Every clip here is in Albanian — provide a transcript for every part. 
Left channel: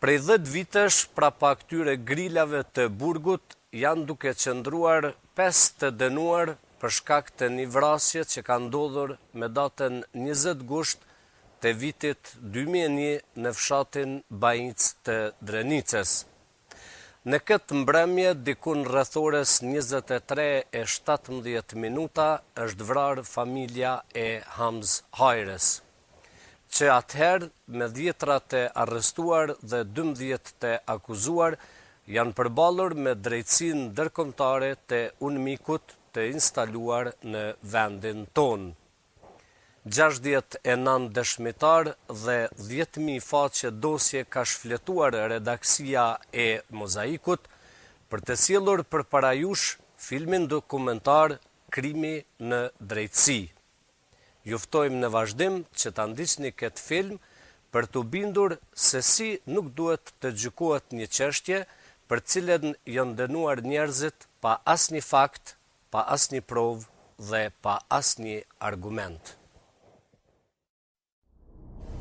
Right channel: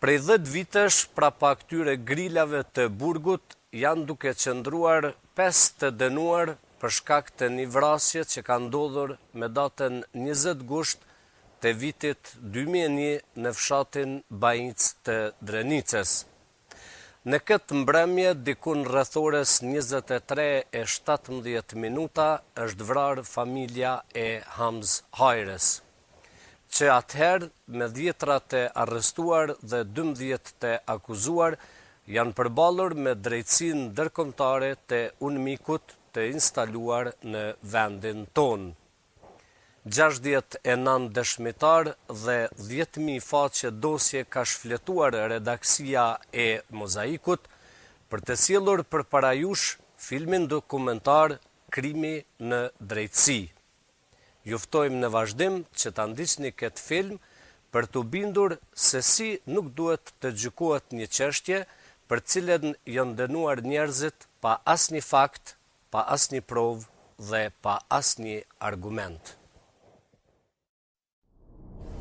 Prej 10 vitesh, prapa këtyre grilave të Burgut, janë duke qëndruar 5 të dënuar për shkak të një vrasje që ka ndodhur me datën 20 gusht të vitit 2001 në fshatin Bajinc të Drenicës. Në këtë mbrëmje, dikun rreth orës 23:17 minuta, është vrarë familja e Hamz Hajres, që atëherë me 10 të arrestuar dhe 12 të akuzuar janë përballur me drejtësinë ndërkombëtare të UNMIK-ut të instaluar në vendin tonë. 69 dëshmitar dhe 10.000 faqe dosje ka shfletuar redaksia e Mozaikut për të sjellur përpara jush filmin dokumentar Krimi në drejtësi. Juftojmë në vazhdim që ta ndiqni këtë film për të bindur se si nuk duhet të gjykohet një çështje për cilën janë dënuar njerëzit pa asnjë fakt, pa asnjë provë dhe pa asnjë argument.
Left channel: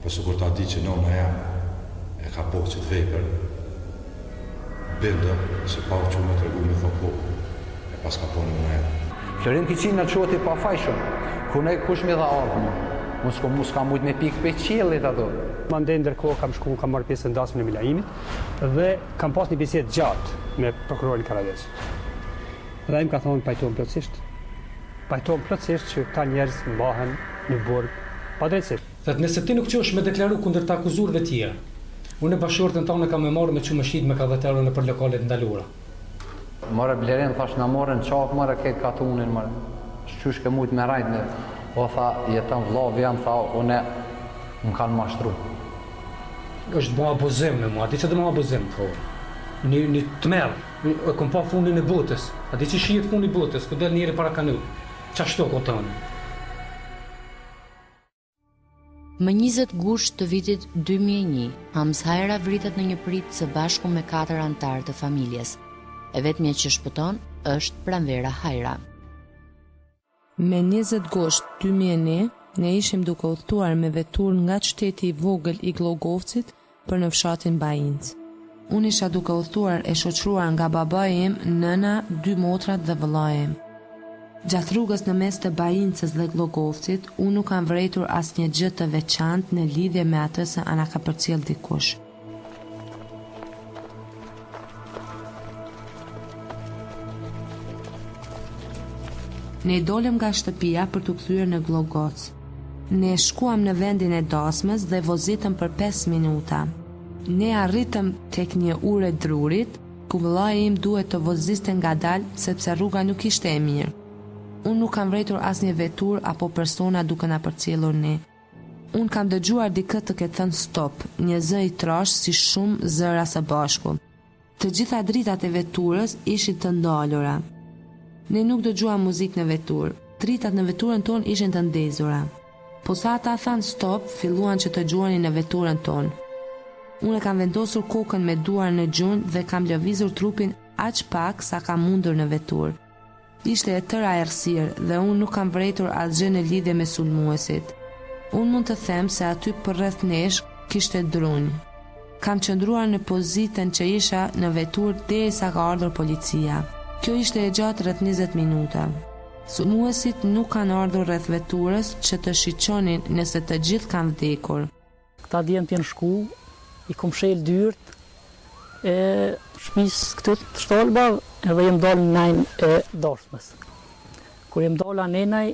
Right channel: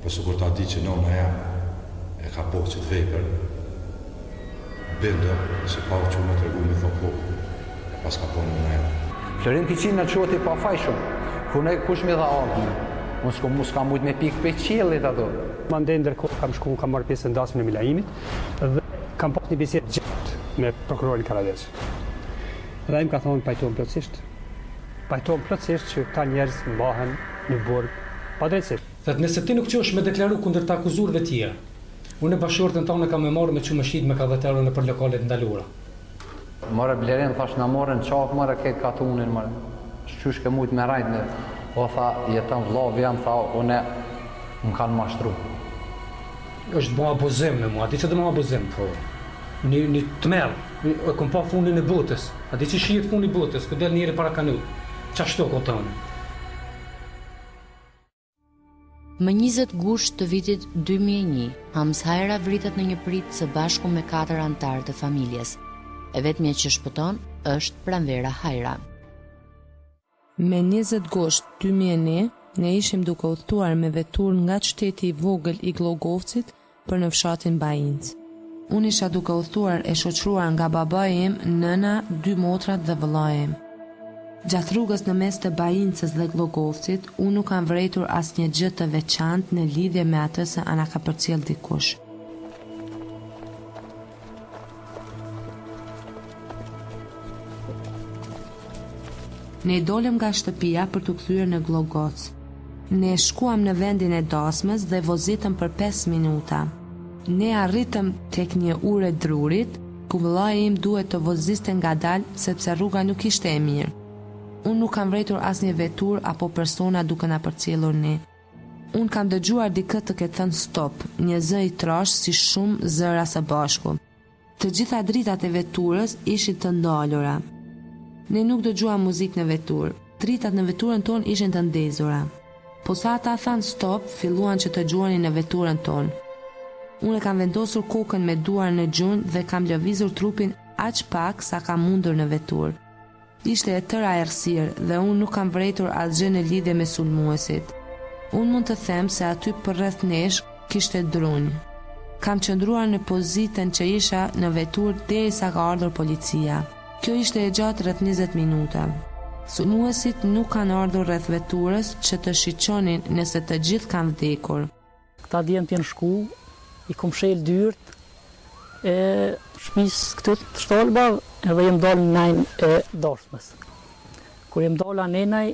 Po sikur ta di që nona jam e ka po që të vepër, bindë se pa u qumë të regu me thopo, e pas ka po nona jam. Florin Kiçin në quhet i pafajshëm, ku ne kush mi dha ardhmë, mos ka mujt me pikë pe qiellit ato. Mandej ndërkohë kam marrë pjesë në dasmën e Milaimit dhe kam pas një bisedë gjatë me prokurorin Karadesh. Dhe ai më ka thonë pajtohem plotësisht që këta njerëz mbahen në burg pa drejtësi. Thatë nëse ti nuk qesh me deklaru kundër të akuzurëve tjerë, unë e bashkëshortën tonë kam e marrë me çumëshit me 40 euro në për lokalet ndaluara. More blerin, thash na morën qaf, more këtë katunin, more. Qysh ke mujt me rajt në, o tha, jetën vllavi jam, tha, une më kanë mashtru. Është bo abuzim në mua, ati që dhe më abuzim, tha. Një të merë, e kom pa fundin e botës, ati që shijet fundin e botës, ku del njeri para kanu, qashto kotonë. Më 20 gusht të vitit 2001, Hamz Hajra vritet në një prit së bashku me 4 antarë të familjes. E vetmja që shpëton është Pranvera Hajra. Me 20 gusht 2001, ne ishim duke udhëtuar me vetur nga qyteti i vogël i Glogovcit për në fshatin Bajinc. Unë isha duke udhëtuar e shoqëruar nga babai im, nëna, 2 motrat dhe vëllai im. Gjatë rrugës në mes të Bajincës dhe Glogovcit, unë nuk kam vërejtur asnjë gjë të veçantë në lidhje me atë se ana ka përcjell dikush. Ne dolëm nga shtëpia për të kthyer në Glogoc. Ne shkuam në vendin e dasmës dhe vozitëm për 5 minuta. Ne arritëm tek një ure drurit, ku vëllai im duhet të voziste ngadalë sepse rruga nuk ishte e mirë. Unë nuk kam vrejtur asnjë vetur apo persona duke na përcjellur ne. Unë kam dëgjuar dikë të ketë thënë stop, një zë i trash si shumë zëra së bashku. Të gjitha dritat e veturës ishin të ndalura. Ne nuk dëgjuam muzikë në veturë, dritat në veturën tonë ishin të ndezura. Po sa ata thanë stop, filluan që të gjuanin në veturën tonë. Unë kam vendosur kokën me duar në gjunjë dhe kam lëvizur trupin aq pak sa kam mundur në veturë. Ishte e tëra errësirë dhe unë nuk kam vrejtur asgjë në lidhje me sulmuesit. Unë mund të them se aty përreth nesh kishte drunj. Kam qëndruar në pozitën që isha në veturë derisa ka ardhur policia. Kjo ishte e gjatë rreth 20 minuta. Sulmuesit nuk kanë ardhur rreth veturës që të shiqonin nëse të gjithë kanë vdekur. Këta djemë t'jenë shku, i kom shel dyrt, e shmis këtë të shtolba edhe jem dalë në najnë e dashmës. Kur jem dalë anenaj,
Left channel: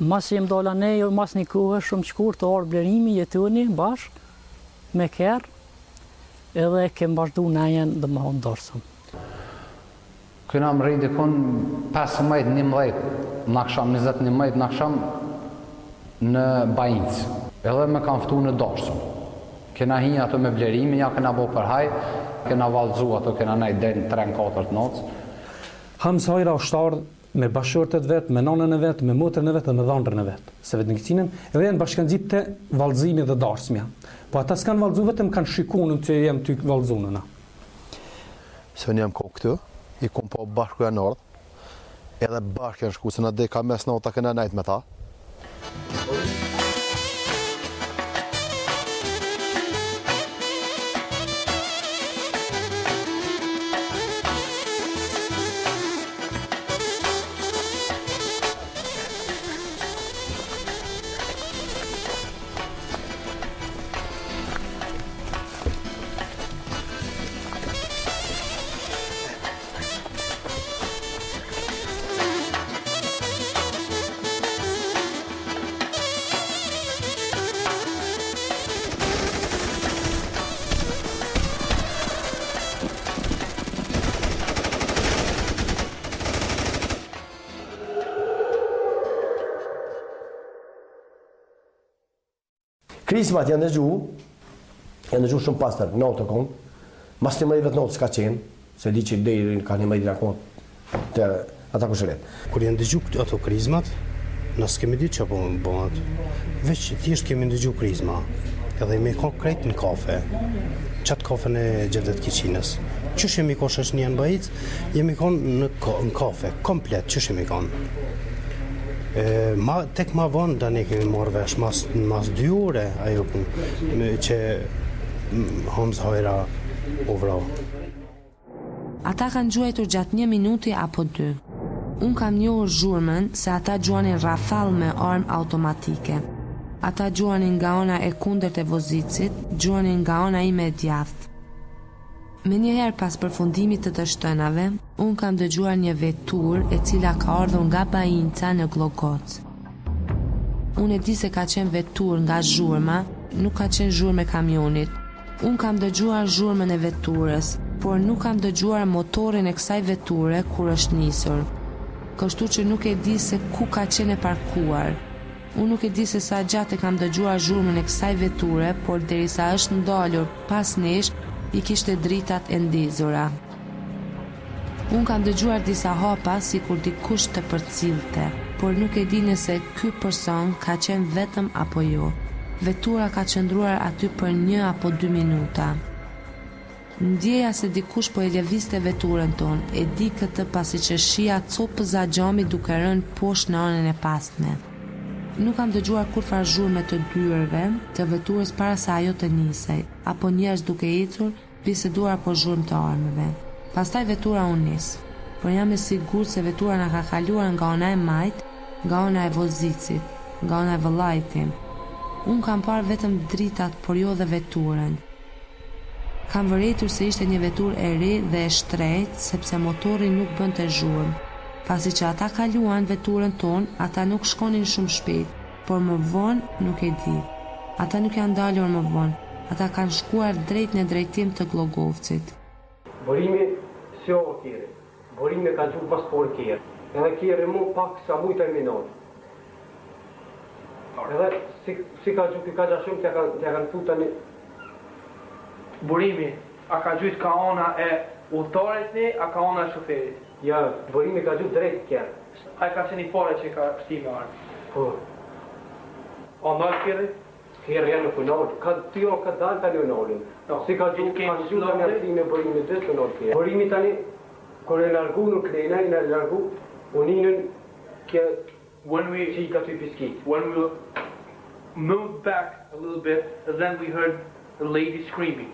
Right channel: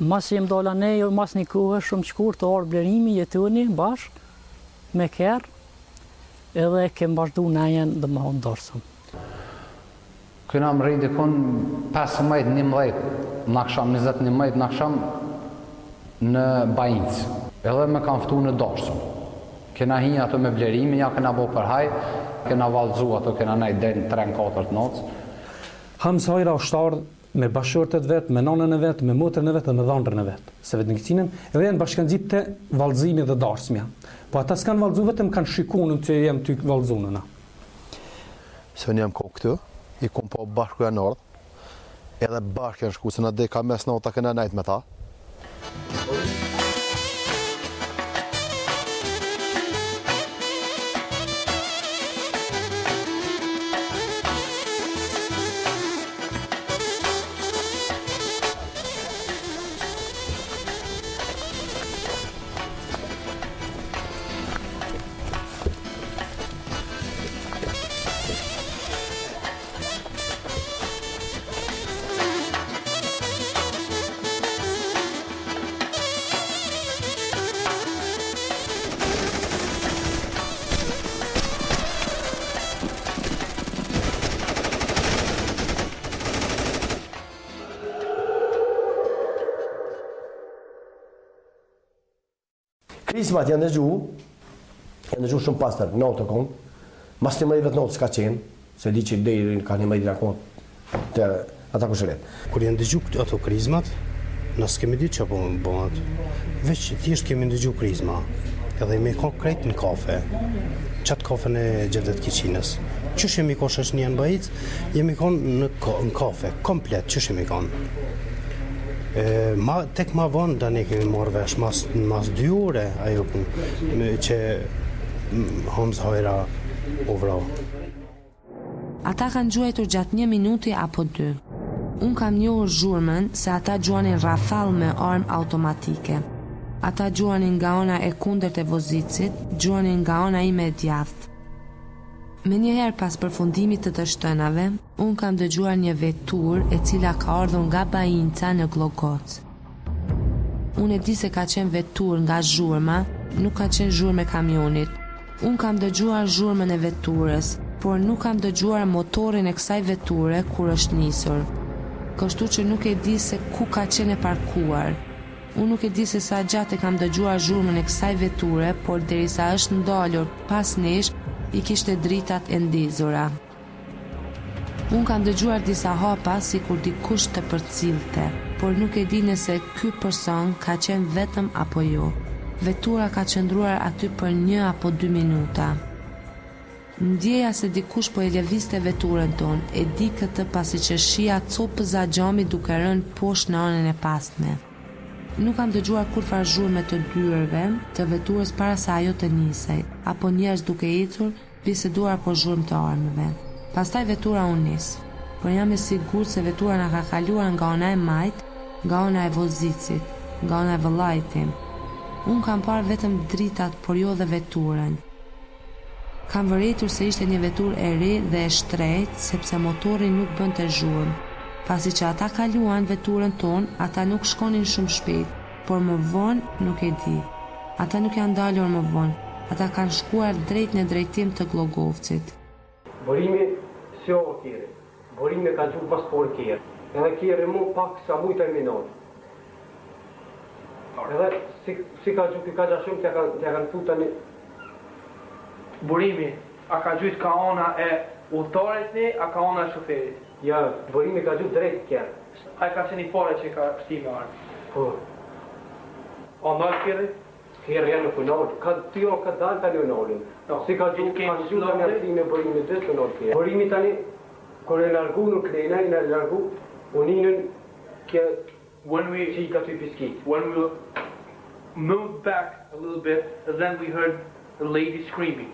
mas jem dalë anej, mas një kohë shumë qkur të orë blerimi jetuni bashkë me kerë, edhe kem bashkëdu najën dhe më honë dashëm. Këna më rejtë dikon 15-11, në aksham 21 në aksham në Bajinc, edhe me kam ftu në dashëm. Kena hinja ato me blerimi, ja kena bo për haj, kena valëzu ato, kena najtë deri në 3-4 notës. Hamz Hajra është ardhë me bashkëshortet vetë, me nonën e vetë, me motrën e vetë dhe me dhëndrën e vetë. Se vetë në Kiçinën, edhe janë bashkanxhip të valëzimi dhe dashmja. Po ata s'kanë valëzu vetëm kanë shikunën që jem ty valëzunëna. Se unë jam kohë këtu, i kom po bashku janë ardhë, edhe bashkë janë shku, se në deka mes nota kena najtë me ta. Krismat janë dëgju shumë pastër, notë kon. Mas 11 notë s'ka qenë, se di që deri ka 11 akon të ata kushëret. Kur janë dëgju ato krizmat, na s'kemi ditë çfarë po bëhet. Veç thjesht kemi dëgju krizma. Edhe me konkret në kafe. Qatë kafen e Gjerdet Kiçinës. Qysh jemi konë shoqënia në Bajic, jemi konë në kafe, komplet, qysh jemi konë. Tek ma vonë da ne kemi marrë vesh, mas 2 ore, ajo që Hamz Hajra u vrau. Ata kanë gjuajtur gjatë 1 minuti apo 2. Unë kam njohur zhurmën se ata gjuanin rafall me armë automatike. Ata gjuanin nga ona e kundërt e Vozicit, gjuanin nga ona ime e djathtë. Me njëherë pas përfundimit të shtënave, unë kam dëgjuar një vetur e cila ka ardhur nga Bajinca në Glogoc. Unë e di se ka qenë vetur nga zhurma, nuk ka qenë zhurmë e kamionit. Unë kam dëgjuar zhurmën e veturës, por nuk kam dëgjuar motorin e kësaj veture kur është nisur. Kështu që nuk e di se ku ka qenë e parkuar. Unë nuk e di se sa gjatë e kam dëgjuar zhurmën e kësaj veture, por derisa është ndalur pas nesh, i kishte dritat e ndizura. Unë kam dëgjuar disa hapa si kur dikush të përcillte, por nuk e di nëse ky person ka qenë vetëm apo jo. Vetura ka qëndruar aty për 1 apo 2 minuta. Ndjeja se dikush po e lëvizte veturën tonë, e di këtë pasi që shija copëza xhami duke rënë poshtë në anën e pasme. Nuk kam dëgjuar kurfar zhurmë të dyerve të veturës para se ajo të nisej, apo njerëz duke ecur, biseduar apo zhurmë të armëve. Pastaj vetura u nis, por jam e sigurt se vetura na ka kaluar nga ona e Majt, nga ona e Vozicit, nga ona e vëllait tim. Unë kam parë vetëm dritat, por jo dhe veturën. Kam vëretur se ishte një veturë e re dhe e shtrejtë, sepse motori nuk bënte zhurmë. Pasi që ata kaluan veturën tonë, ata nuk shkonin shumë shpejt, por më vonë nuk e di. Ata nuk janë dalur më vonë, ata kanë shkuar drejt në drejtim të Glogovcit. Borimi si o kjeri, borimi ka gjuhë pas por kjeri, edhe kjeri mu pak sa mujtë e minor. Edhe si ka gjuhë ka gjashëm që kanë futa një... Borimi, a ka gjuhë ka ona e udhëtarit një, a ka ona e shoferit? Ja, borimi ka gjuhë drejt kjerë. A i ka qenë i pare që ka shtime armë? Po. A ndalë kjeri? Kjerë janë nuk unalë. Ka tyro ka dalë tani unalën. Si ka gjuhë të një artime borimi dhe të unalë kjerë. Borimi tani, kër e largu nuk lejna, i në largu, uninën që i ka ty piskit. When we moved back a little bit, then we heard the lady screaming.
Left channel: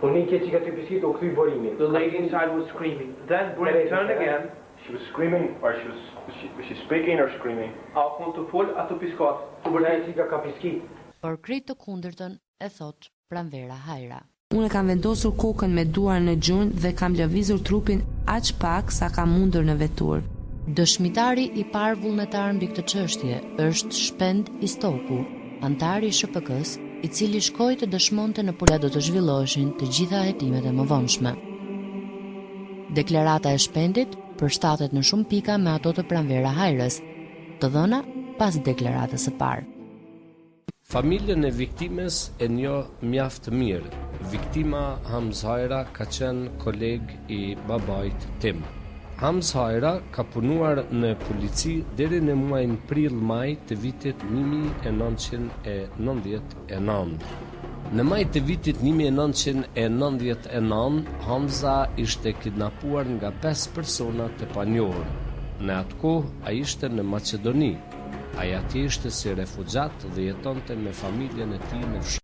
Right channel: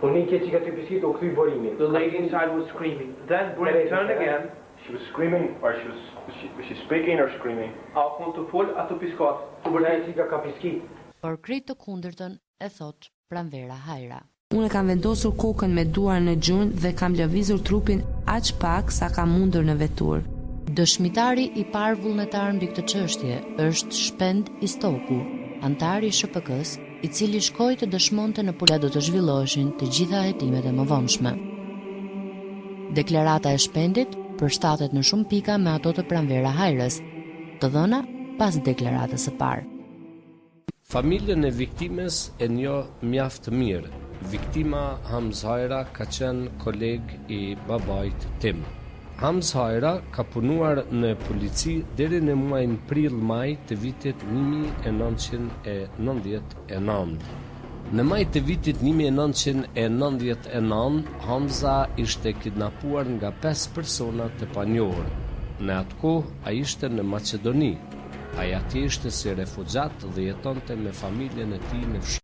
The lady inside was screaming. Then Brim turned again. She was screaming, or was she speaking or screaming? Por krejt të kundërtën e thot Pranvera Hajra. Unë kam vendosur kokën me duar në gjunjë dhe kam lëvizur trupin aq pak sa kam mundur në veturë. Dëshmitari i parë vullnetar mbi këtë çështje është Shpend Istoku, antari i SHPK-s, i cili shkoi të dëshmonte në policia do të zhvilloheshin të gjitha hetimet e mëvonshme. Deklarata e Shpendit përshtatet në shumë pika me ato të Pranvera Hajrës, të dhëna pas deklaratës së parë. Familjen e viktimes e njoh mjaft mirë. Viktima Hamz Hajra ka qenë koleg i babait tim. Hamz Hajra ka punuar në polici deri në muajin prill-maj të vitit 1999. Në maj të vitit 1999, Hamza ishte kidnapuar nga 5 persona të panjohur. Në atë kohë ai ishte në Maqedoni. Ai atje ishte si refugjat dhe jetonte me familjen e tij në